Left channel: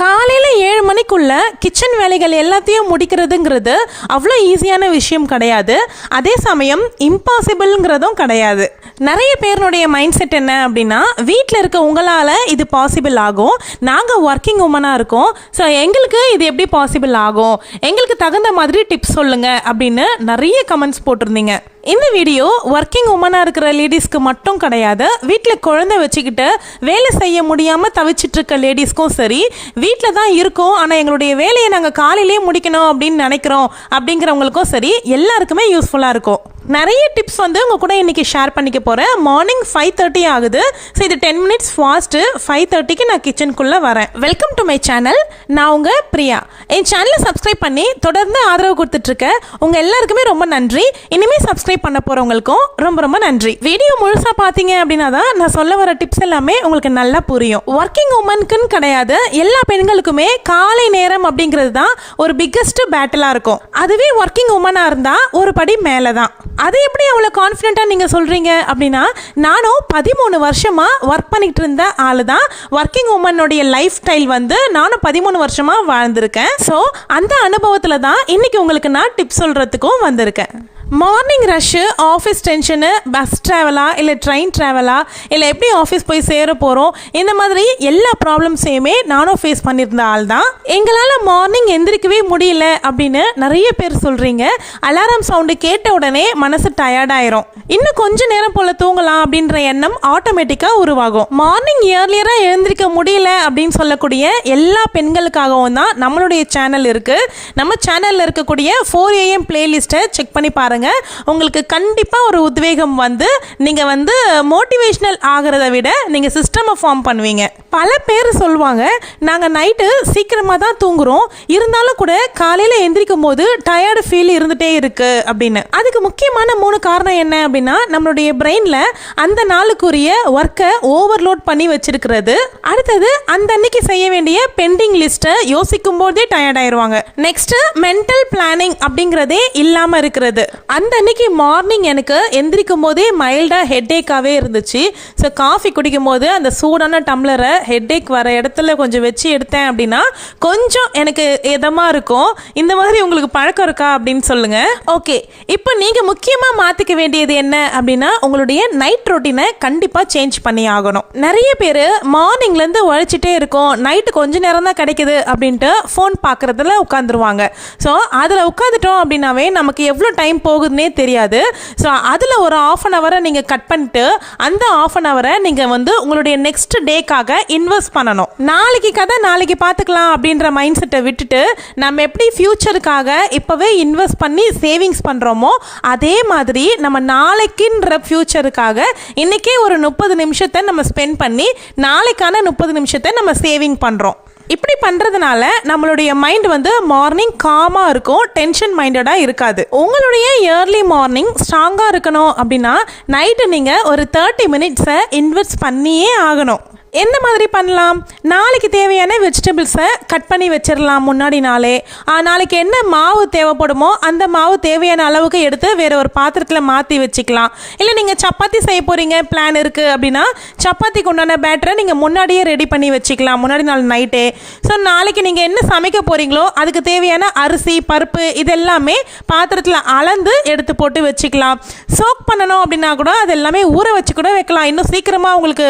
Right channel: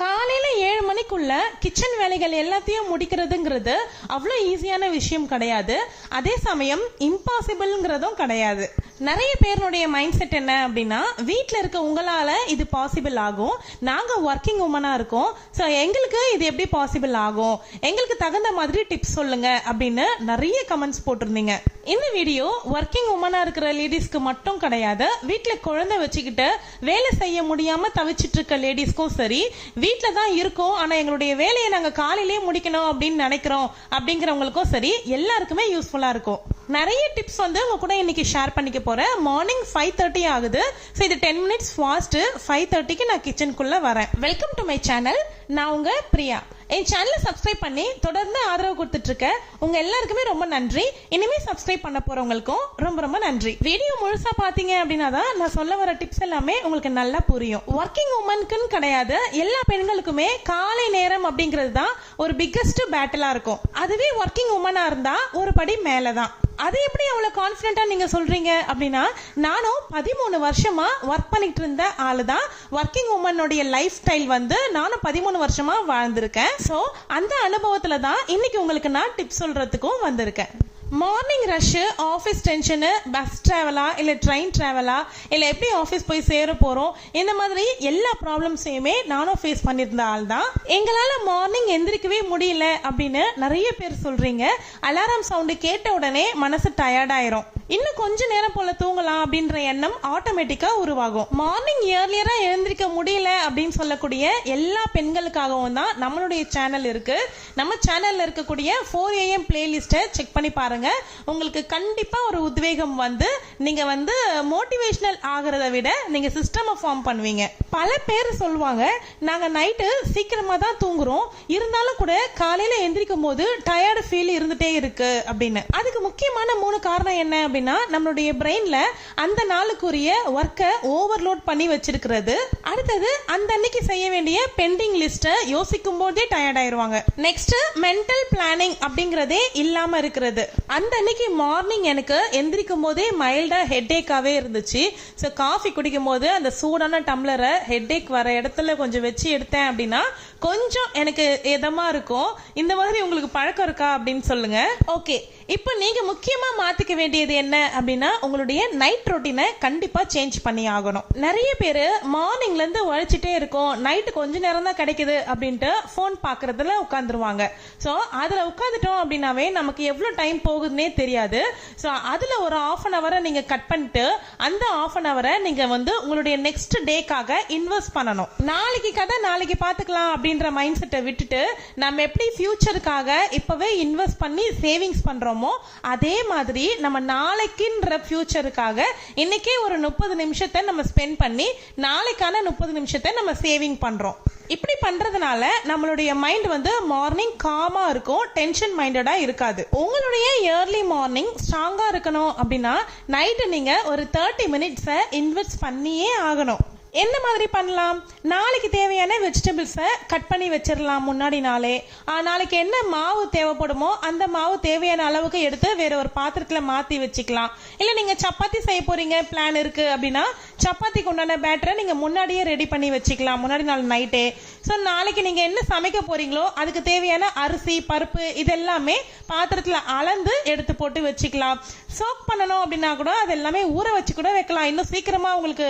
காலையில் 7 மணிக்குள்ள கிச்சன் வேலைகள் எல்லாத்தையும் முடிக்கிறதுங்கிறது அவ்வளோ ஈஸியான விஷயம் கிடையாது. அதே சமயம் இம்பாசிபிள்ங்கிறதும் கிடையாது. நிறைய பேருடைய மைண்ட் செட் என்ன அப்படின்னா, வீட்டில் இருக்க உங்களால் இது பாசிபிள் ஆகும், நாங்கள் ஒர்க்கிங் உமனாக இருக்கோம், ஸோ எங்களுக்கு இது எப்படி பாசிபிள் ஆகும், எங்களுக்கு தகுந்த மாதிரி டிப்ஸ் சொல்லுங்கள் அப்படின்னு நிறைய கமெண்ட்ஸ் போட்டிருந்தீங்க. இந்த வீடியோ ஒர்க்கிங் உமனாக இருக்கிற லேடிஸ்க்கு மட்டும் கிடையாது, வீட்டில் குழந்தை வச்சுக்கிட்டு வேலை செய்ய முடியாமல் தவிச்சிட்டு இருக்க லேடிஸ்க்கும் சரி, வீட்டில் தான் இருக்கோம் ஆனால் எங்களுடைய வேலையை நாங்கள் காலையிலேயே முடிக்கணும் அப்படின்னு நினைக்கிறோம் அப்படிங்கிறவங்களுக்கும் சரி, எல்லாருக்குமே யூஸ்ஃபுல்லாக இருக்கும். நிறைய டிப்ஸ் வந்து உங்கள் கூட இன்றைக்கி ஷேர் பண்ணிக்க போகிறேன். மார்னிங் 5:30 ஆகுது. ஸோ இது 10 மினிட்ஸ் ஃபாஸ்ட்டு. 5:30க்கு நான் கிச்சனுக்குள்ளே வரேன். Welcome to my channel. நான் உங்கள் பிரியா. என் சேனலை சப்ஸ்கிரைப் பண்ணி தொடர்ந்து ஆதரவு கொடுத்துட்ருக்கேன். உங்கள் எல்லாருக்குமே ரொம்ப நன்றி. இனிமேல் சப்ஸ்கிரைப் பண்ண போகிறவங்களுக்கும் ரொம்ப ரொம்ப நன்றி. வீடியோ முழுசாக பார்த்தீங்க அப்படின்னா தான் நான் சொல்ல வர டிப்ஸ் எல்லாமே உங்களுக்கு நல்லா புரியும். ஒர்க்கிங் உமனுக்குன்னு கிடையாது, எல்லா பெண்களுக்குமே காலை நேரம் அப்படிங்கிறது தான் ஒரு பிக்கஸ்ட் பேட்டிலாக இருக்கும். அதுவே ஒர்க்கிங் உமனாக இருந்தால் ஒரு படி மேலே தான். அது எப்படி அவ்வளோ கான்ஃபிடென்ட்டாக நீங்கள் சொல்கிறீங்க அப்படின்னா, நானும் 13 வருஷமாக ஒர்க் பண்ணிகிட்டு இருந்த ஆள் தான். ஒர்க்கிங் உமனுடைய லைஃப் ஸ்டைல் வந்து நானும் 13 வருஷமாக வாழ்ந்திருக்கேன். ஸோ அந்த அனுபவத்தில் தான் இன்றைக்கி உங்களுக்கு நான் டிப்ஸ் சொல்கிறதுக்கும் வந்திருக்கேன். Morning rush, office tension, bus ட்ராவலா இல்லை ட்ரெயின் ட்ராவலா இல்லை எப்படி ஆஃபீஸ் போய் சேர போகிறோம், இந்த மாதிரி எல்லா ப்ராப்ளம்ஸையுமே நானும் ஃபேஸ் பண்ணியிருந்த ஆள் தான். எங்களால் மார்னிங் எந்திரிக்கவே முடியல அப்படின்னு நிறைய பேர் சொல்கிறீங்க. அலாரம் சவுண்டு கேட்ட உடனே மனசு டயர்டாயிரும். இன்னும் கொஞ்ச நேரம் போல் தூங்கலாம் அப்படின்ற எண்ணம் ஆட்டோமேட்டிக்காக உருவாகும். மார்னிங் இயர்லியராக எழுந்திரிக்க முடியல அப்படின்னு சொல்லக்கூடிய எல்லா பெண்களுக்காகவும் தான் நம்மளுடைய சேனல் இருக்குது. நம்ம சேனலில் இருக்கக்கூடிய 4 AM பிளேலிஸ்ட்டை செக் பண்ணி பாருங்கள். உங்களுக்கு கண்டிப்பாக ஒரு உத்வேகம் வந்து நீங்கள் வந்து மோட்டிவேஷனல் ஆகிறத விட நீங்கள் சிஸ்டமை ஃபார்ம் பண்ணுவீங்க. பல பேர் சொல்லுவாங்க, நாங்கள் நைட்டு சீக்கிரமாக தான் தூங்குறோம், இருந்தாலும் கூட காலையில் எந்திரிக்கும் போது டயர்டு ஃபீல் இருந்துகிட்டே இருக்கு அப்படின்னு. அதுக்கு முக்கியமான 3 காரணம் என்ன அப்படின்னா, நம்மளுடைய பிரெயினில் அந்த நாளுக்குரிய ஒர்க்கை ஓவர்லோட் பண்ணி வச்சிருக்கிறது. அடுத்தது அந்த அன்னைக்கு செய்ய வேண்டிய பெண்டிங் லிஸ்ட்டை யோசிக்கும் போதே டயர்ட் ஆயிடுவாங்க. நெக்ஸ்ட் மென்டல் பிளானிங் அப்படிங்கிறதே இல்லாமல் இருக்கிறது. அந்த அன்னைக்கு மார்னிங் எனக்கு எந்திரிக்கும் போதே மைல்டாக ஹெட்டேக்காகவே இருந்துச்சு. ஸோ காஃபி குடிக்கும் போது அந்த சூடான டம்ளரை ஹெட்டேக் வர இடத்துல கொஞ்சம் வச்சு எடுத்தேன் அப்படின்னா கொஞ்சம் எனக்கு இதமாக இருக்கும். இந்த மாதிரி உங்களுக்கு பழக்கம் இருக்கா அப்படின்னு சொல்லுங்கள். ஓகே, இப்போ நீங்கள் முக்கியமாக மாற்றிக்க வேண்டியது என்ன அப்படின்னா, உங்களுடைய நைட் ரொட்டீனை கண்டிப்பாக சேஞ்ச் பண்ணி ஆகணும். நிறைய பேர் மார்னிங்லேருந்து உழைச்சிட்டே இருக்கோம், நைட்டு கொஞ்சம் நேரம் தான் கிடைக்குது அப்படின்ட்டு ஃபோன் பார்க்குறதுல உட்காந்துருவாங்க. ஸோ அதில் உட்காந்துட்டோம் அப்படின்னாவே நமக்கு எவ்வளோ டைம் போகுதுன்னே தெரியாது. ஸோ அதில் ஒரு 1/2 hour நீங்கள் கட் பண்ணிட்டு அந்த 1/2 hour நீங்கள் வந்து உங்களுடைய நெக்ஸ்ட் டேக்காக இன்வெஸ்ட் பண்ணணும். நாளைக்கு கதை நாளைக்கு பார்த்துக்கலாம் அப்படின்ற மைண்ட் செட்டை விட்டுட்டு நம்ம எப்படி ஃபியூச்சருக்காக இப்போவே இன்வெஸ்ட் பண்ணி சேவிங்ஸ் பண்ணுறோமோ, அதே மாதிரி நம்ம நாளைக்குன்ற ஃபியூச்சருக்காக இன்றைக்கே ஒரு 30 நிமிஷத்தை நம்ம ஸ்பெண்ட் பண்ணி நாளைக்கான 30 நிமிஷத்தை நம்ம சேவிங் பண்ணுறோம். இப்படி பண்ணுறதுனால நம்மளுடைய மைண்ட் வந்து மார்னிங் காமாக இருக்கும், டென்ஷன் மைண்டடாக இருக்காது. உங்களுடைய இயர்லி மார்னிங் ஸ்ட்ராங்காக இருக்கணும் அப்படின்னா நைட்டு நீங்கள் ஒரு 30 மினிட்ஸை இன்வெஸ்ட் பண்ணியே ஆகணும். எந்த மாதிரி பண்ணலாம்? நாளைக்கு தேவையான வெஜிடபிள்ஸை கட் பண்ணி வச்சிடலாம் முன்னாடி நாளே. நாளைக்கு என்ன மாவு தேவைப்படுமோ அந்த மாவு தேவையான அளவுக்கு எடுத்து வேற ஒரு பாத்திரத்தில் மாற்றி வச்சுக்கலாம். இல்லை நீங்கள் சப்பாத்தி செய்ய போகிறீங்க பிளான் இருக்குது அப்படின்னா சப்பாத்திக்கு உண்டான பேட்டரை நீங்கள் முன்னாடியே ரெடி பண்ணி வச்சுக்கலாம் முன்னாடி நாள் நைட்டே. ஸோ நாளைக்கு நீங்கள் என்ன சமைக்க போகிறீங்களோ அதுக்கு தேவையான அரிசி, பருப்பு இதெல்லாமே பாத்திரத்தில் அளந்து எடுத்து போட்டு வச்சுக்கலாம். சோக் பண்ணணும் அப்படின்னா கூட அது எல்லாமே ஊற வச்சு கூட வைக்கலாம். இன்னும் சீக்கிரமாக உங்களுக்கு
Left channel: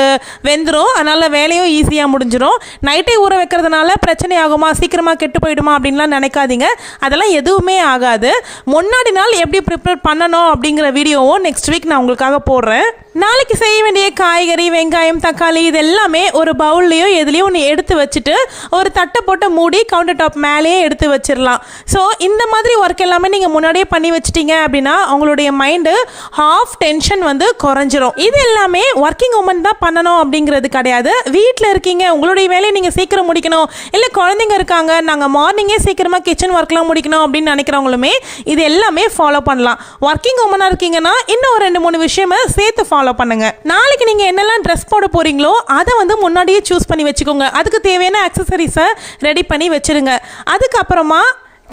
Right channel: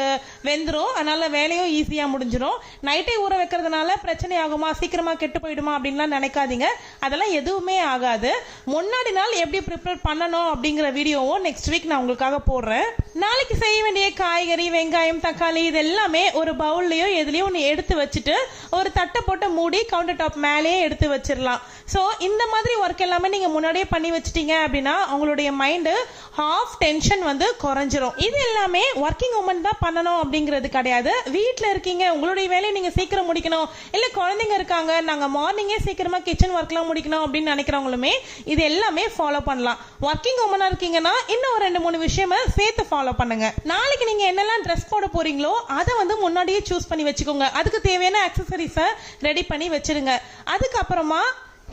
வெந்துடும், அதனால் வேலையும் ஈஸியாக முடிஞ்சிடும். நைட்டே ஊற வைக்கிறதுனால பிரச்சனை ஆகுமா, சீக்கிரமாக கெட்டு போயிடுமா அப்படின்லாம் நினைக்காதீங்க. அதெல்லாம் எதுவுமே ஆகாது. முன்னாடி நாள் எப்படி ப்ரிப்பேர் பண்ணணும் அப்படிங்கிற வீடியோவும் நெக்ஸ்ட் வீக் நான் உங்களுக்காக போடுறேன். நாளைக்கு செய்ய வேண்டிய காய்கறி, வெங்காயம், தக்காளி இது எல்லாமே ஒரு பவுல்லையோ எதுலேயும் ஒன்று எடுத்து வச்சுட்டு ஒரு தட்டை போட்டு மூடி கவுண்டர் டாப் மேலேயே எடுத்து வச்சிடலாம். ஸோ இந்த மாதிரி ஒர்க் எல்லாமே நீங்கள் முன்னாடியே பண்ணி வச்சிட்டீங்க அப்படின்னா உங்களுடைய மைண்டு ஹாஃப் டென்ஷன் வந்து குறைஞ்சிரும். இது எல்லாமே ஒர்க்கிங் உமன் தான் பண்ணணும் அப்படிங்கிறது கிடையாது. வீட்டில் இருக்கீங்க, உங்களுடைய வேலையை நீங்கள் சீக்கிரம் முடிக்கணும், இல்லை குழந்தைங்க இருக்காங்க, நாங்கள் மார்னிங்கே சீக்கிரமாக கிச்சன் ஒர்க்லாம் முடிக்கணும் அப்படின்னு நினைக்கிறவங்களுமே இது எல்லாமே ஃபாலோ பண்ணலாம். ஒர்க்கிங் உமனாக இருக்கீங்கன்னா இன்னும் ஒரு 2-3 விஷயமா சேர்த்து ஃபாலோ பண்ணுங்க. நாளைக்கு நீங்கள் என்னெல்லாம் ட்ரெஸ் போட போறீங்களோ அதை வந்து முன்னாடியே சூஸ் பண்ணி வச்சுக்கோங்க. அதுக்கு தேவையான அக்சசரிஸை ரெடி பண்ணி வச்சிருங்க. அதுக்கப்புறமா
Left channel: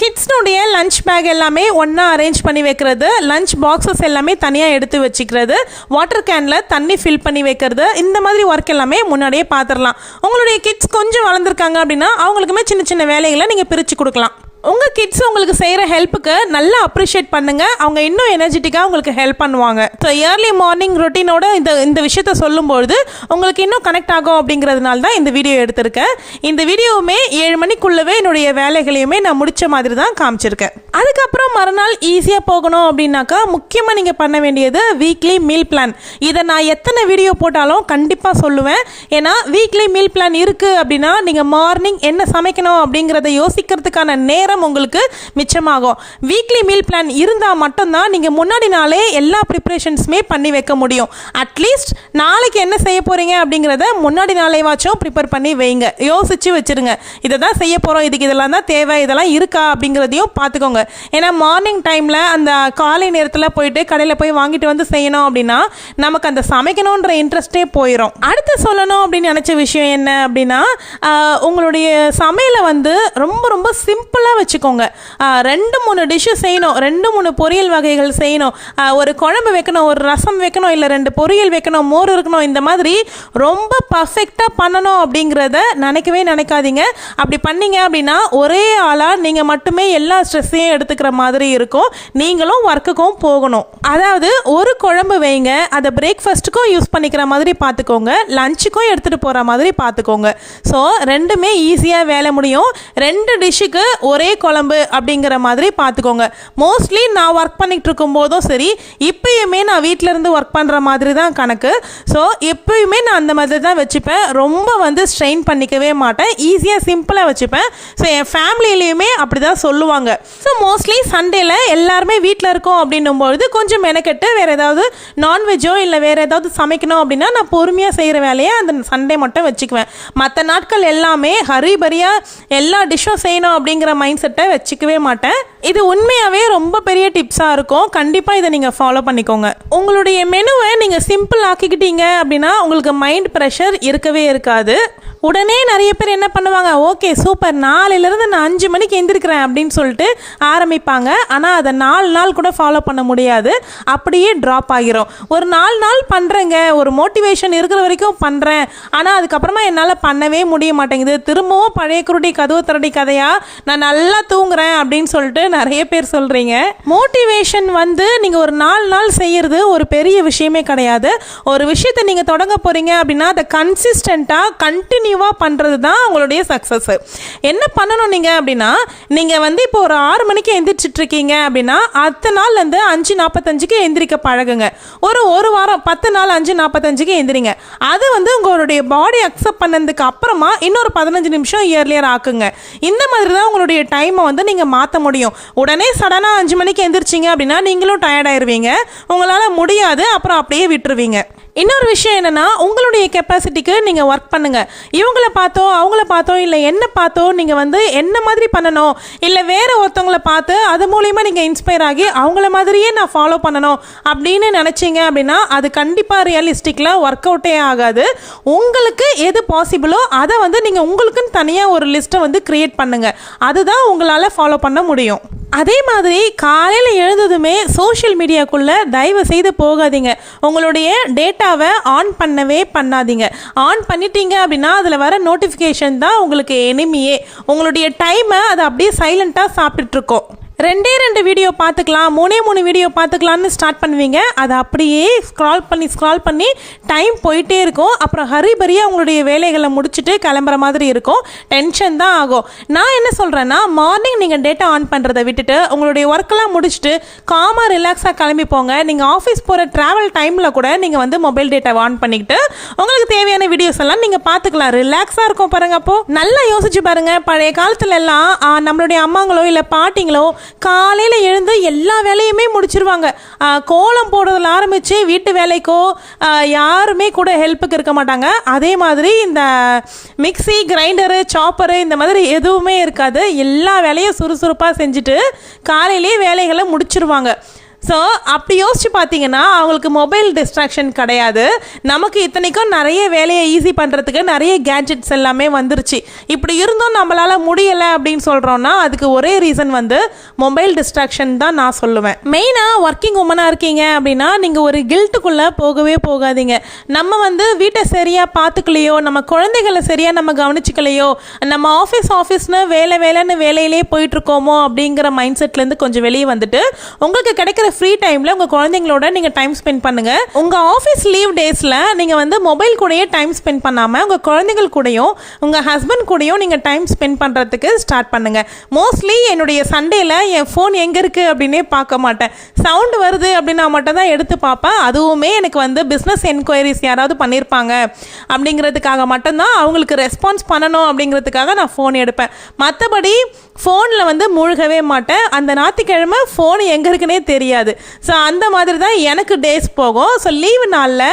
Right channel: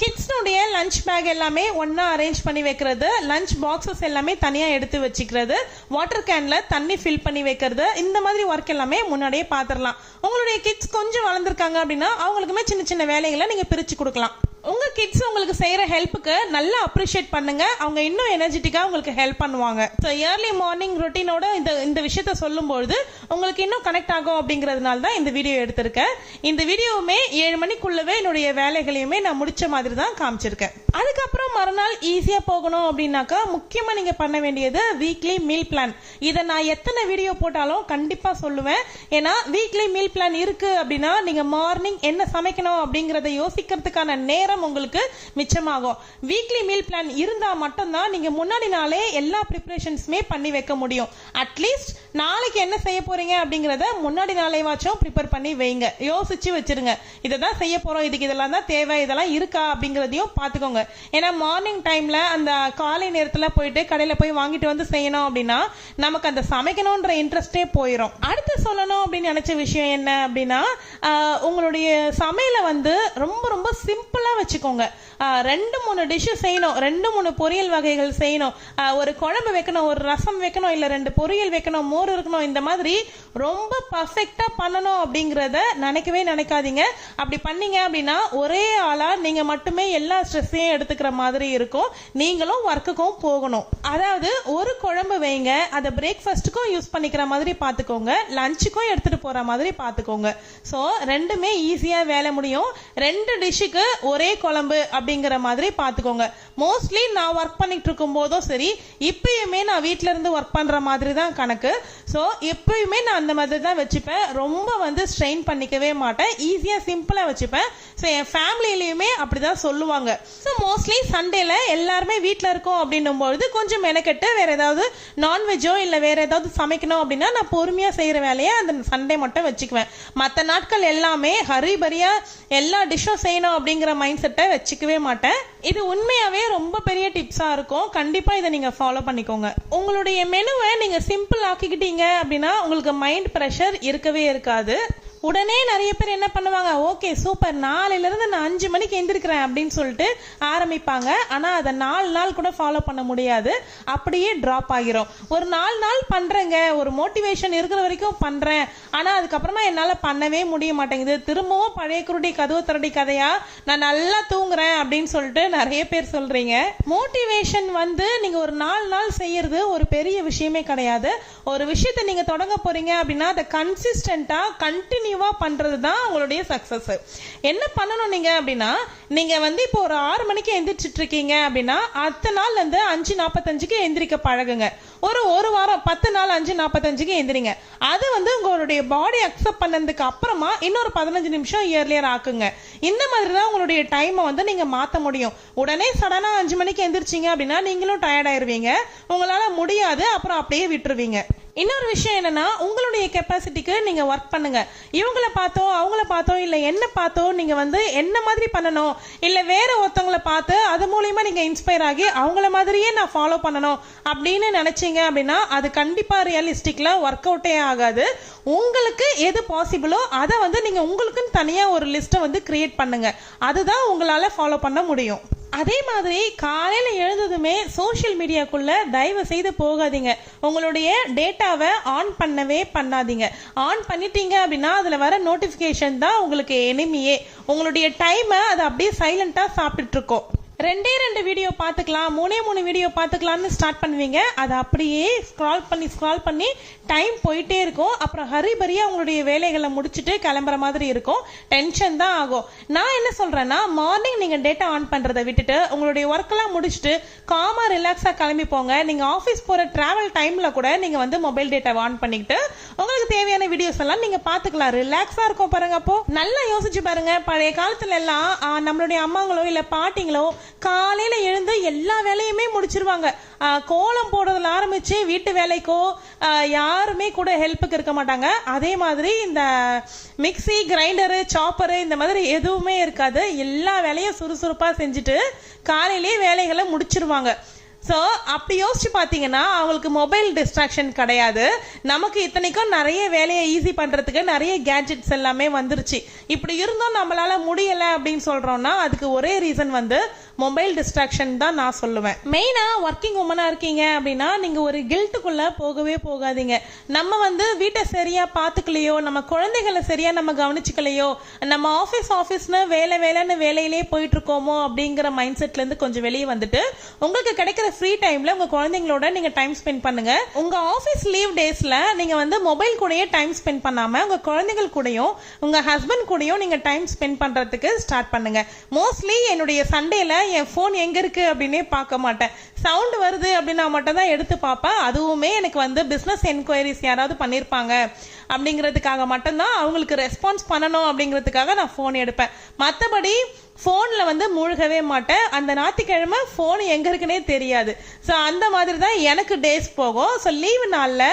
கிட்ஸ்னுடைய லஞ்ச் பேக் எல்லாமே ஒன்றா அரேஞ்ச் பண்ணி வைக்கிறது, லஞ்ச் பாக்ஸஸ் எல்லாமே தனியாக எடுத்து வச்சுக்கிறது, வாட்டர் கேனில் தண்ணி ஃபில் பண்ணி வைக்கிறது, இந்த மாதிரி ஒர்க் எல்லாமே முன்னாடியே பார்த்துடலாம். உங்களுடைய கிட்ஸ் கொஞ்சம் வளர்ந்துருக்காங்க அப்படின்னா அவங்களுக்குமே சின்ன சின்ன வேலைகளை நீங்கள் பிரித்து கொடுக்கலாம். உங்கள் கிட்ஸ் உங்களுக்கு செய்கிற ஹெல்ப்புக்கு நல்லா அப்ரிஷியேட் பண்ணுங்கள், அவங்க இன்னும் எனர்ஜெட்டிக்காக உங்களுக்கு ஹெல்ப் பண்ணுவாங்க. ஸோ இயர்லி மார்னிங் ரொட்டீனோட இந்த விஷயத்த சொல்லும்போது உங்களுக்கு இன்னும் கனெக்ட் ஆகும் அப்படிங்கிறதுனால தான் இந்த வீடியோ எடுத்திருக்கேன். இந்த வீடியோவுமே 7 மணிக்குள்ளவே என்னுடைய வேலைகளையுமே நான் முடித்த மாதிரி தான் காமிச்சிருக்கேன். அதுக்கப்புறம் மறுநாள் ஈஸியாக போகணும் அப்படின்னாக்கா முக்கியமாக நீங்கள் பண்ண வேண்டியது வீக்லி மீல் பிளான். இதை நான் எத்தனை வீடியோ போட்டாலும் கண்டிப்பாக சொல்லுவேன். ஏன்னா வீக்லி மீல் பிளான் இருக்குது அப்படின்னா நீங்கள் மார்னிங் என்ன சமைக்கணும் அப்படிங்கிறத யோசிக்கிறதுக்கான நேரம் உங்களுக்கு மிச்சமாகும். வீக்லி மீல் பிளான் இருந்தால் மட்டும்தான் நீங்கள் முன்னாடி நாளே எல்லா ப்ரிப்பரேஷன்ஸுமே பண்ணி வைக்க முடியும். அட்லீஸ்ட் நாளைக்கு என்ன செய்ய போகிறீங்க அப்படிங்கிறத முன்னாடி நாளேவாச்சும் ப்ரிப்பேர் பண்ணி வைங்க, யோசிச்சு வச்சுருங்க. இதை தான் செய்ய போகிறோம், இதுக்கு இதெல்லாம் தான் தேவை, இதெல்லாம் இருக்கா அப்படிங்கிறதையும் பார்த்துக்கோங்க. ஏன்னா மார்னிங் டைமில் அந்த காலை நேரத்தில் போயிட்டு கடையில் போய் வாங்கிட்டு வந்து செய்யணும் அப்படின்னா நமக்கு அந்த சமைக்கணுன்ற இன்ட்ரெஸ்டே போயிடும். அடுத்து சொல்லணும் அப்படின்னு நினச்ச விஷயம் என்ன அப்படின்னா, உங்களுடைய சமையலை வந்து ரொம்ப ரொம்ப சிம்பிளாக வச்சுக்கோங்க. 2-3 டிஷ்ஷு செய்யணும், 2-3 பொரியல் வகைகள் செய்யணும், ஒரு குழம்பு வைக்கணும், ஒரு ரசம் வைக்கணும், இல்லை 2 பொரியல் வைக்கணும், மோர் இருக்கணும், இந்த மாதிரி ரொம்ப பர்ஃபெக்டாக பண்ணணும் அப்படிங்கிறத நினைக்கவே நினைக்காதீங்க. அப்படி பண்ணீங்க அப்படின்னா ஒரே ஆளாக நீங்கள் மட்டுமே எல்லா ஸ்ட்ரெஸ்ஸையும் எடுத்துக்கிற மாதிரி இருக்கும், நீங்களும் ஒர்க்குக்கும் போகணும். அதாவது ஒரு குழம்பு வைங்க, அதை பிரேக்ஃபாஸ்ட்டுக்கும் யூஸ் பண்ணிக்கிற மாதிரி பார்த்துக்கோங்க, லஞ்சுக்கும் எடுத்துகிட்டு போகிற மாதிரி பார்த்துக்கோங்க. ஸோ ரெண்டுமே ஈஸியாக வேலை முடியும். 2 டிஷ்ஷுக்கு ஒரே குழம்பு அப்படிங்கிற மாதிரி பார்த்துக்கோங்க. மோஸ்ட்லி நான் ஒர்க் பண்ணிகிட்டு இருக்கும் போதும் சரி, இப்பயுமே நான் வீட்டில் இருந்து ஒர்க் பண்ணுற மாதிரி தான் கணக்கு. ஸோ எப்பயுமே நான் அந்த மாதிரி தான் வச்சுப்பேன், ரொம்ப வந்து ஸ்ட்ரெயின் பண்ணிக்கவே மாட்டேன், ஈஸியாக சிம்பிளாக வச்சுப்பேன். ஸோ என் ஃபேமிலியிலையுமே அப்படி தான் சொல்லுவாங்க. ஸோ மோஸ்ட்லி சண்டேல எல்லாருமே வீட்டில் இருக்கோம் அப்படின்னும்பொழுது கொஞ்சம் மெனக்கெட்டு வேறு ஏதாவது நான்வெஜ்ஜோ இல்லை வேறு ஏதாவது சமைக்கணும் அப்படின்னா நான் பொறுமையாக செய்கிற வேலையை அந்த சண்டே மட்டும் வச்சுக்குவேன். மற்ற நாட்கள் எல்லாமே ஹரிபரியாக எல்லா டிஷ்ஷும் செய்யணும் அப்படிங்கிற மைண்ட் செட்டை வச்சுக்கவே மாட்டேன். இது உண்மையாகவே ரொம்ப பெரிய டிப்ஸாக இருக்கும், கண்டிப்பாக இதை நீங்கள் ஃபாலோ பண்ணிக்கோங்க. உங்களுடைய மெனுவை நீங்கள் சிம்பிள் ஆக்கிக்கிட்டீங்க அப்படின்னா உங்களுக்கு மைண்ட் ப்ரெஷர் இருக்கவே இருக்காது. உடனே நிறைய பேர் என்ன பண்ணுவாங்க, ஓகே சூப்பர், நாளையிலேருந்து நான் 5 மணிக்கு எந்திரிக்கிறேன் அப்படின்னு சொல்லிட்டு ஆரம்பிப்பாங்க. ஆனால் அதை 4 நாள் கூட ஃபாலோ பண்ண முடியாது, அப்படியே ட்ராப் ஆகிரும். ஒரு 4 நாள் பண்ணுறேங்க, ஒரு மோட்டிவேஷன் இருக்கிற வரைக்கும் பண்ணுறேன், ஆனால் அதுக்கப்புறமா என்னால் பண்ணவே முடிய மாட்டேங்குது, திரும்பவும் பழைய குருடி கதவு திரடி கதையாக நான் நல்லா தூங்குறேன் அப்படின்னு சொல்லிட்டு நிறைய பேர் சொல்கிறீங்க. மோட்டிவேஷன் வந்து நீங்கள் ஒரு 4 நாள் செய்கிறது ஒரு பெரிய விஷயமே கிடையாது. ஒரு விஷயத்தை நீங்கள் தொடங்க போகிறீங்க அப்படின்னா அதை கன்சிஸ்டண்ட்டாக கண்டினியூவாக பண்ணுறது தான் உங்களுடைய சக்ஸஸ். என்ன பண்ணணும் நீங்கள் அப்படின்னா, நீங்கள் வந்து இப்போ ஒரு 6 மணிக்கு எந்திரிச்சிட்டு இருக்கீங்க அப்படின்னா அடுத்த நாள்லேருந்து 5:45க்கு எந்திரிக்க பழகுங்க. ஒரு வாரம் 10 நாள் 5:45க்கு எந்திரிங்க. அது வந்து உங்களுடைய பாடி அக்செப்ட் பண்ணதுக்கு அப்புறமா இன்னொரு 15 நிமிஷம் இயர்லியர் ஆக்குங்க. இந்த மாதிரி தான் உங்களுடைய டைமை வந்து நீங்கள் மாற்ற முடியும். உடனே சடனாக 5 மணிக்கு எந்திரிச்சிங்க அப்படின்னா நீங்களும் டயர்ட் ஆயிடுவீங்க, உங்களால் முடியாது, அப்புறம் அப்படியே விட்டுருவீங்க. இன்னொரு விஷயம் என்னென்னா, உங்களுடைய கெப்பாசிட்டிக்கு நீங்கள் ஒர்க் பண்ணுங்கள். இவங்கள பார்த்தோ அவங்கள பார்த்தோ இல்லை என்ன பார்த்தோ நீங்கள் வந்து என்ன மாதிரி பண்ணணும், இல்லை வேறு ஒருத்தவங்கள பார்த்து அது மூலிமா நீங்கள் இன்ஸ்பயர் ஆகி அவங்கள மாதிரியே நான் ஃபாலோ பண்ணணும் அப்படின்னு நினச்சிங்க அப்படின்னா அது கண்டிப்பாக ரியலிஸ்டிக்கில் ஒர்க் அவுட்டே ஆகாது. உங்களுக்கு எது பாசிபிளோ அதை வந்து நீங்கள் உங்களுக்குன்னு தனியாக ஒரு லிஸ்ட்டை வந்து க்ரியேட் பண்ணுங்கள், அதுதான் உங்களால் ஃபாலோ பண்ண முடியும். அதே மாதிரி காலையில் எழுந்ததுமே சோஷியல் மீடியாக்குள்ளே தயவு செய்து போகாதீங்க. உங்களுடைய டேட்டாவை ஆன் பண்ணவே பண்ணாதீங்க. ஆன் பண்ணிட்டீங்க அப்படின்னா அதில் வர நோட்டிஃபிகேஷன் தான் உங்களுக்கு எனிமியே. உங்களுடைய டைமை அதை அப்படியே சைலண்ட்டாக சாப்பிட்டுருக்கோம். 2 வீடியோ பார்த்துக்கலாம், 3 வீடியோ பார்த்துக்கலான்னு ஸ்டார்ட் பண்ணுவீங்க. அதை அப்படியே ஸ்க்ரால் பண்ணி டைம் போயிட்டே இருக்கும். அப்புறம் ஹரிபரியாக உங்களுடைய வேலைகளை முடிச்சுட்டு கிளம்புற மாதிரி இருக்கும், டென்ஷன் தான் ஆகும். நான் என்ன சொல்கிறேன்னா, மார்னிங் நீங்கள் டேட்டா ஆன் பண்ணுறதை விட்டுட்டு உங்களுடைய ஒர்க்கெல்லாம் முடிச்சுட்டு காமாக ரிலாக்ஸாக கிளம்பி போங்க. நீங்கள் ஆஃபீஸ் போகிற ட்ராவல் டைமில் கூட நீங்கள் வந்து மொபைல் டேட்டாவை ஆன் பண்ணிக்கிட்டு உங்களுக்கு தேவையான வீடியோஸ் எல்லாம் நீங்கள் பார்த்துக்கலாம், ரிலாக்ஸாக இருக்கும் பாருங்க. அப்போது நல்லா யோசிச்சு பாருங்கள், பழைய காலத்துல எல்லாம் நம்மளுடைய அம்மாங்களோ இல்லை பாட்டிங்களோ காலையில் எழுந்து எல்லா வேலையுமே முடிச்சிருவாங்க. கோலம் போடுறதுல ஆரம்பித்து வீட்டு வேலைக்கோ யாருமே கூட ஹெல்ப்புக்கு இருக்க மாட்டாங்க. அதே மாதிரி இந்த மிக்ஸி, கிரைண்டரு, சாப்பரு இந்த மாதிரி எதுவுமே இருக்காது. எல்லா வேலையும் சுறுசுறுப்பாக செஞ்சுட்டு காலையிலேயே வேலைகளை முடிச்சிருவாங்க. ஸோ அப்படி யோசிச்சு பார்த்தீங்கன்னா அவங்களுக்கு மொபைல் டிஸ்ட்ராக்ஷன் கிடையாது. நமக்கு இத்தனைக்கும் நிறைய வேலையை ஈஸி பண்ணுறதுக்கு நிறைய கேட்ஜெட்ஸ் எல்லாமே வந்துருச்சு. இப்படி இருந்தும் நம்மளால் முடியலை அப்படின்னு சொல்கிறோன்னா அதுக்கு ஒரே ரீசன் வந்து மொபைல் டிஸ்ட்ராக்ஷன் தான் நான் சொல்லுவேன். மெயினாக ஒர்க்கிங் உமனாக இருக்கீங்க அப்படின்னா நீங்கள் ஒரு கில்ட்டுக்குள்ளே போகவே போகாதீங்க. நம்ம வந்து வீட்டை சரியாக பார்த்துக்கலையோ, நம்ம குழந்தைகளை சரியாக நம்ம கவனிச்சிக்கலையோ, நம்ம ஆஃபீஸ்னு வேலைன்னு வேலையிலே போயிட்டுருக்கோமோ அப்படிங்கிற மைண்ட் செட்லேருந்து கொஞ்சம் வெளியே வந்துட்டு உங்களுக்கு கிடைக்கிற ஃப்ரீ டைமில் உங்கள் குழந்தைங்களோட நீங்கள் டைம் ஸ்பெண்ட் பண்ணுங்கள். உங்கள் ஆஃபீஸ் லீவ் டேஸில் நீங்கள் வந்து மொபைல் கூடயே டைம் ஸ்பெண்ட் பண்ணாமல் உங்கள் குழந்தைகள் கூடயும் உங்கள் ஹஸ்பண்ட் கூடயும் நீங்கள் டைம் ஸ்பெண்ட் பண்ணுறதுக்கு ஸ்டார்ட் பண்ணுங்கள். மோஸ்ட்லி என்னுடைய சண்டேல என் ஃபோன் எங்கே இருக்குது அப்படின்னே பார்க்க மாட்டேன். சவுண்டு வருது அப்படின்னா மட்டும் தான் எடுத்து பார்ப்பேன். அதுவுமே எனக்கு வந்து பிஸ்னஸ் என்கொயரிஸ் யாராவது பண்ணியிருப்பாங்க அப்படிங்கிறதுக்காக மட்டும்தான், அவங்களுக்கு ரெஸ்பான்ஸ் பண்ணணும் அப்படிங்கிறதுக்காக நான் ஃபோன் எடுப்பேன். மற்றபடி ஃபோனில் வந்து மூழ்கவே மாட்டேன். அந்த ஞாயிற்றுக்கிழமை ஃபோன் எங்கே இருக்குன்னே தெரியாது. ஸோ அந்த மாதிரி தான் எனக்கு டேஸ் போகும். ஸோ லீவு நாளில்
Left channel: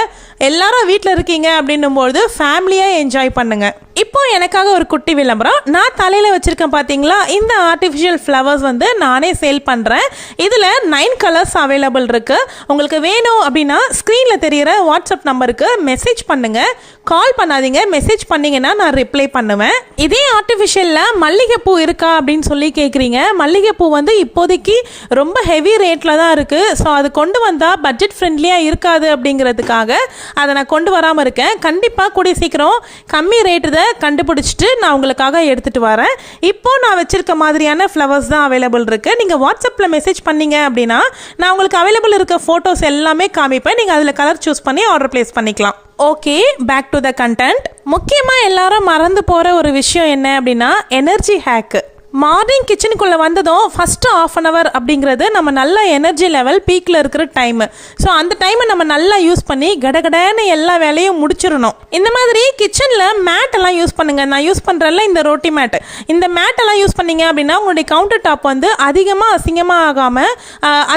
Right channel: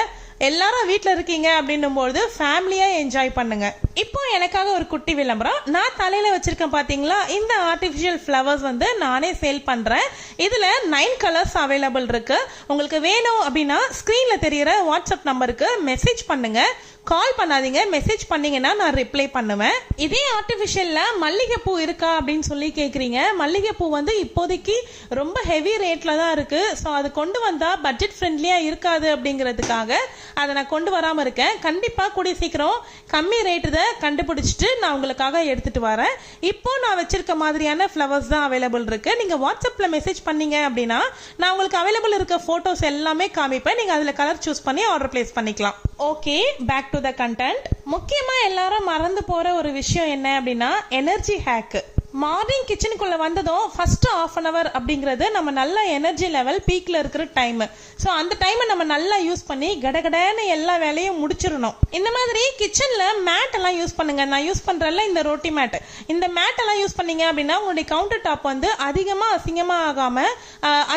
எல்லாரும் வீட்டில் இருக்கீங்க அப்படின்னும்போது ஃபேமிலியாக என்ஜாய் பண்ணுங்க. இப்போ எனக்காக ஒரு குட்டி விளம்பரம். நான் தலையில் வச்சுருக்கேன் பார்த்தீங்களா, இந்த ஆர்டிஃபிஷியல் ஃப்ளவர்ஸ் வந்து நானே சேல் பண்ணுறேன். இதில் 9 கலர்ஸ் அவைலபிள் இருக்குது. உங்களுக்கு வேணும் அப்படின்னா ஸ்க்ரீனில் தெரிகிற வாட்ஸ்அப் நம்பருக்கு மெசேஜ் பண்ணுங்கள். கால் பண்ணாதீங்க, மெசேஜ் பண்ணிங்கன்னா நான் ரிப்ளை பண்ணுவேன். இதே ஆர்டிஃபிஷியலில் மல்லிகைப்பூ இருக்கா அப்படின்னு சொல்லி கேட்குறீங்க. மல்லிகைப்பூ வந்து இப்போதைக்கு ரொம்ப ஹெவி ரேட்டில் தான் இருக்குது. ஸோ அது கொண்டு வந்தால் பட்ஜெட் ஃப்ரெண்ட்லியாக இருக்காது அப்படிங்கிறதுக்காக அதை நான் கொண்டு வராமல் இருக்கேன். கண்டிப்பாக கூடிய சீக்கிரம் கம்மி ரேட்டு தான் கண்டுபிடிச்சிட்டு நான் உங்களுக்காக எடுத்துகிட்டு வரேன். இப்போ நான் வச்சுருக்க மாதிரியான ஃப்ளவர்ஸ் தான் அவைலபிள் இருக்குது. நீங்கள் வாட்ஸ்அப்பில் மெசேஜ் பண்ணீங்க அப்படின்னா நான் உங்களுக்கு அவைலபிள் இருக்க ஃபோட்டோஸ் எல்லாமே காமிப்பேன். நீங்கள் அதில் கலர் சூஸ் பண்ணி ஆர்டர் பிளேஸ் பண்ணிக்கலாம். Okay, back to the content. முக்கியமாக எல்லாரும் மறந்து போகிற ஒரு விஷயம் என்ன அப்படின்னா எனர்ஜி ஹேக்கு. மார்னிங் கிச்சனுக்குள்ளே வந்ததும் ஃபஸ்ட்டு ½ அப்படிங்கிறது நம்ம நல்ல எனர்ஜி லெவல் பீக்கில் இருக்கிற டைமு. ஸோ அந்த டைமை நம்ம நல்லா யூஸ் பண்ணி கடகடன்னு எல்லா வேலையும் முடிச்சிடணும். இந்த மாதிரி கிச்சனில் மேட்டெல்லாம் யூஸ் பண்ணுங்கள். நான் யூஸ் பண்ணுறேன்ல இந்த ரோட்டி மேட், இந்த மேட்டெல்லாம் யூஸ் பண்ணிங்க அப்படின்னா உங்களுடைய கவுண்டர் டாப் வந்து அதிகமாக அசிங்கமாக ஆகாமல்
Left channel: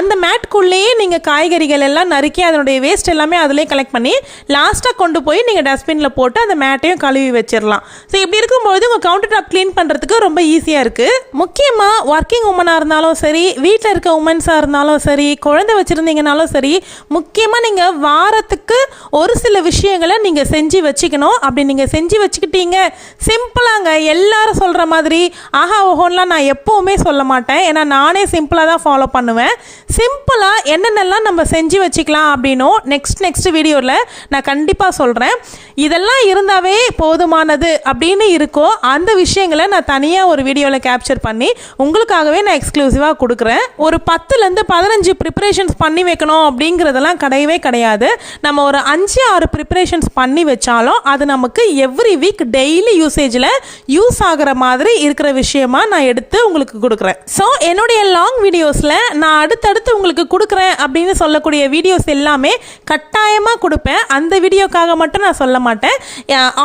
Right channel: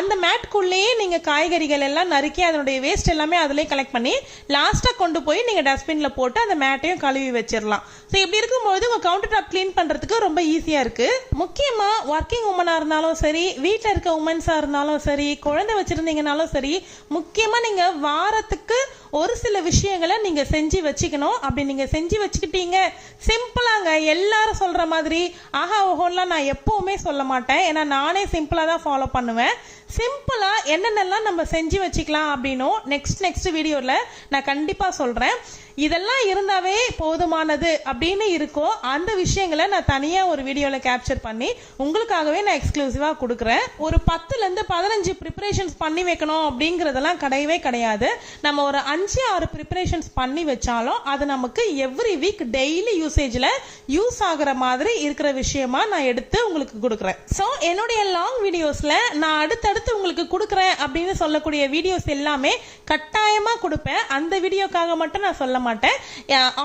அந்த மேட்குள்ளேயே நீங்கள் காய்கறிகள் எல்லாம் நறுக்கி அதனுடைய வேஸ்ட் எல்லாமே அதிலே கலெக்ட் பண்ணி லாஸ்ட்டாக கொண்டு போய் நீங்கள் டஸ்ட்பினில் போட்டு அந்த மேட்டையும் கழுவி வச்சிடலாம். ஸோ இப்படி இருக்கும்போது உங்கள் கவுண்டர் டாப் க்ளீன் பண்ணுறதுக்கு ரொம்ப ஈஸியாக இருக்குது. முக்கியமாக ஒர்க்கிங் உமனாக இருந்தாலும் சரி, வீட்டில் இருக்க உமன்ஸாக இருந்தாலும் சரி, குழந்தை வச்சுருந்தீங்கனாலும் சரி, முக்கியமாக நீங்கள் வாரத்துக்கு ஒரு சில விஷயங்களை நீங்கள் செஞ்சு வச்சுக்கணும். அப்படி நீங்கள் செஞ்சு வச்சுக்கிட்டீங்க சிம்பிளாங்க. எல்லாரும் சொல்கிற மாதிரி ஆஹா ஓஹோன்லாம் நான் எப்போவுமே சொல்ல மாட்டேன். ஏன்னா நானே சிம்பிளாக தான் ஃபாலோ பண்ணுவேன். சிம்பிளாக என்னென்னலாம் நம்ம செஞ்சு வச்சுக்கலாம் அப்படின்னும் நெக்ஸ்ட் வீடியோவில் நான் கண்டிப்பாக சொல்கிறேன். இதெல்லாம் இருந்தாவே போதுமானது அப்படின்னு இருக்கோ அந்த விஷயங்களை நான் தனியாக ஒரு வீடியோவில் கேப்சர் பண்ணி உங்களுக்காகவே நான் எக்ஸ்க்ளூசிவாக கொடுக்குறேன். ஒரு 10லேருந்து 15 ப்ரிப்பரேஷன்ஸ் பண்ணி வைக்கணும் அப்படிங்கிறதெல்லாம் கிடையவே கிடையாது. நம்ம ஒரு 5-6 ப்ரிப்பரேஷன்ஸ் பண்ணி வச்சாலும் அது நமக்கு எவ்ரி வீக் டெய்லி யூசேஜில் யூஸ் ஆகிற மாதிரி இருக்கிற விஷயமா நான் எடுத்து உங்களுக்கு கொடுக்குறேன். ஸோ என்னுடைய லாங் வீடியோஸில் நான் அடுத்தடுத்து உங்களுக்கு கொடுக்குறேன் அப்படின்னு சொல்லக்கூடிய வீடியோஸ் எல்லாமே கட்டாயமாக கொடுப்பேன். அந்த வீடியோக்காக மட்டும் நான் சொல்ல மாட்டேன்.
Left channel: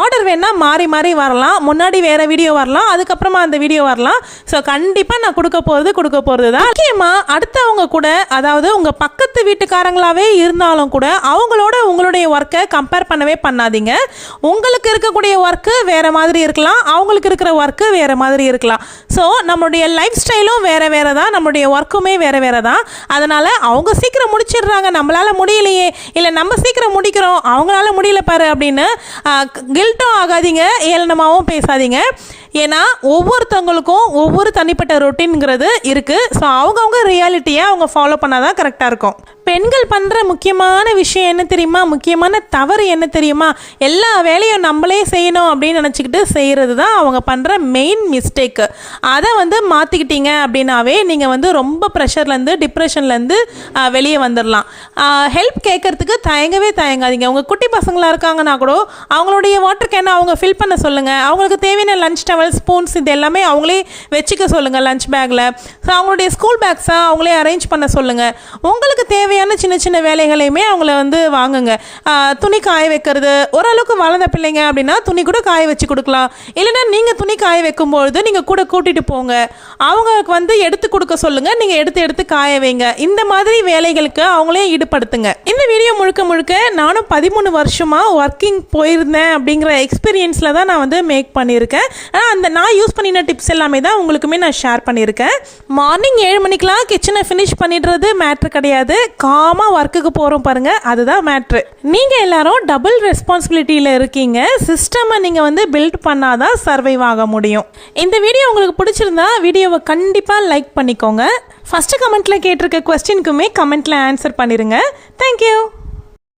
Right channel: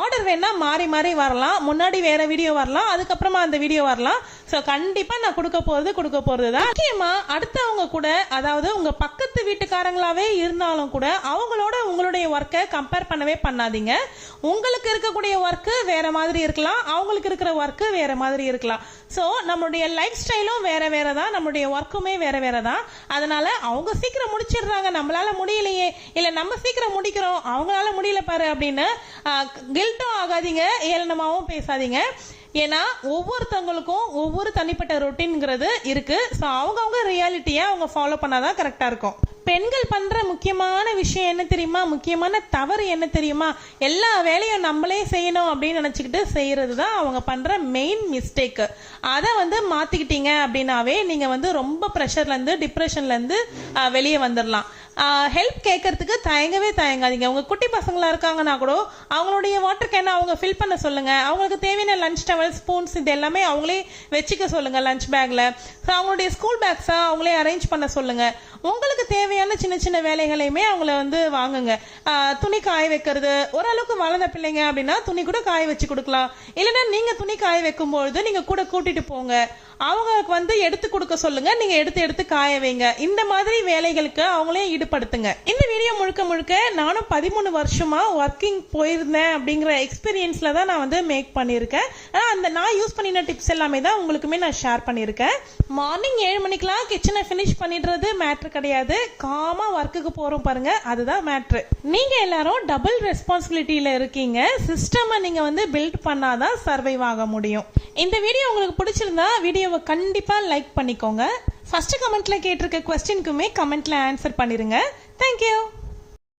ஆர்டர் வேணால் மாறி மாறி வரலாம். முன்னாடி வேறு வீடியோ வரலாம், அதுக்கப்புறமா அந்த வீடியோ வரலாம். ஸோ கண்டிப்பாக நான் கொடுக்க போகிறது தான். முக்கியமாக அடுத்தவங்க கூட, அதாவது உங்கள் பக்கத்து வீட்டுக்காரங்களாவே இருந்தாலும் கூட அவங்களோட உங்களுடைய ஒர்க்கை கம்பேர் பண்ணவே பண்ணாதீங்க. உங்களுக்கு இருக்கக்கூடிய ஒர்க்கு வேறு மாதிரி இருக்கலாம், அவங்களுக்கு இருக்கிற ஒர்க்கு வேறு மாதிரி இருக்கலாம். ஸோ நம்மளுடைய லைஃப் ஸ்டைலும் வேறு தான், நம்மளுடைய ஒர்க்குமே வேறு தான். அதனால் அவங்க சீக்கிரம் முடிச்சிடுறாங்க, நம்மளால் முடியலையே, இல்லை நம்ம சீக்கிரம் முடிக்கிறோம் அவங்களால முடியல பாரு அப்படின்னு கில்ட்டும் ஆகாதீங்க, ஏளனமாகவும் பேசாதீங்க. ஏன்னா ஒவ்வொருத்தவங்களுக்கும் ஒவ்வொரு தனிப்பட்ட ரொட்டீன்ங்கிறது இருக்குது. ஸோ அவங்கவுங்க ரியாலிட்டியை அவங்க ஃபாலோ பண்ணால் தான் கரெக்டாக இருக்கும். பெண்கள் பண்ணுற முக்கியமான விஷயம் என்ன தெரியுமா, முக்கியமான தவறு என்ன தெரியுமா, எல்லா வேலையும் நம்மளே செய்யணும் அப்படின்னு நினச்சிக்கிட்டு செய்கிறது தான் அவங்க பண்ணுற மெயின் மிஸ்டேக்கு. அதை வந்து மாற்றிக்கிட்டீங்க அப்படின்னாவே நீங்கள் வந்து ரொம்ப ப்ரெஷர்லேருந்து டிப்ரெஷன்லேருந்து வெளியே வந்துடலாம். ஹெல்ப் கேட்கறதுக்கு தயங்காதீங்க. உங்கள் குட்டி பசங்களாக இருக்காங்கன்னா கூட அவங்களுடைய வாட்டர் கேனை அவங்க ஃபில் பண்ண சொல்லுங்கள். அவங்களுக்கு தேவையான லஞ்ச் டவல், ஸ்பூன்ஸ் இது எல்லாமே அவங்களே வச்சுக்க சொல்லுங்கள் லஞ்ச் பேக்கில். ஸோ அவங்களுடைய ஸ்கூல் பேக்ஸை அவங்களே அரேஞ்ச் பண்ண சொல்லுங்கள். உங்களுக்கு தேவையான சின்ன சின்ன வேலைகளையுமே அவங்கள வந்து வாங்குங்க. துணி காய வைக்கிறது, ஓரளவுக்கு வளர்ந்த பிள்ளைங்க அப்படின்னா துணி கூட காய வச்சு கொடுக்கலாம். இல்லைன்னா நீங்கள் துணி காய வைக்கும்பொழுது நீங்கள் கூட கூட்டிட்டு கூட்டிட்டு போங்க, அவங்களுக்கு வந்து எடுத்து கொடுக்க சொல்லுங்க, நீங்க எடுத்து காய வைங்க. இந்த மாதிரி வேலைகளுக்கு அவங்களே ஈடுபடுத்துங்க. இந்த வீடியோ முழுக்க முழுக்க நானும் 13 வருஷமா ஒர்க்கிங் போயிருந்தேன் அப்படிங்கிற எக்ஸ்பீரியன்ஸ்ல தான் நான் வந்து மேக் பண்ணியிருக்கேன். அந்த நான் யூஸ் பண்ணின டிப்ஸ் எல்லாமே தான் உங்களுக்குமே நான் ஷேர் பண்ணியிருக்கேன். மார்னிங் 7 மணிக்கெல்லாம் கிச்சனை ஃபினிஷ் பண்ணிடுறது மேட்ரு கிடையாது. காமா ஒர்க்குக்கு போறோம் பாருங்க, அதுதான் மேட்ரு. நீங்க எல்லாரும் டபுள் ரெஸ்பான்சிபிலிட்டியில இருக்கீங்க. சிஸ்டமை நீங்க வந்து பில்ட் பண்ணாதான் சர்வைவ் ஆக முடியும். இந்த வீடியோ உங்களுக்கு பிடிச்சிருந்தா வீடியோவை கண்டிப்பா லைக் பண்ணிக்கோங்க. ஃபர்ஸ்ட் கமெண்ட்ல கேட்டிருக்க क्वेश्चनக்குமே கமெண்ட்ல ஆன்சர் பண்ணிருங்க. தேங்க்யூ.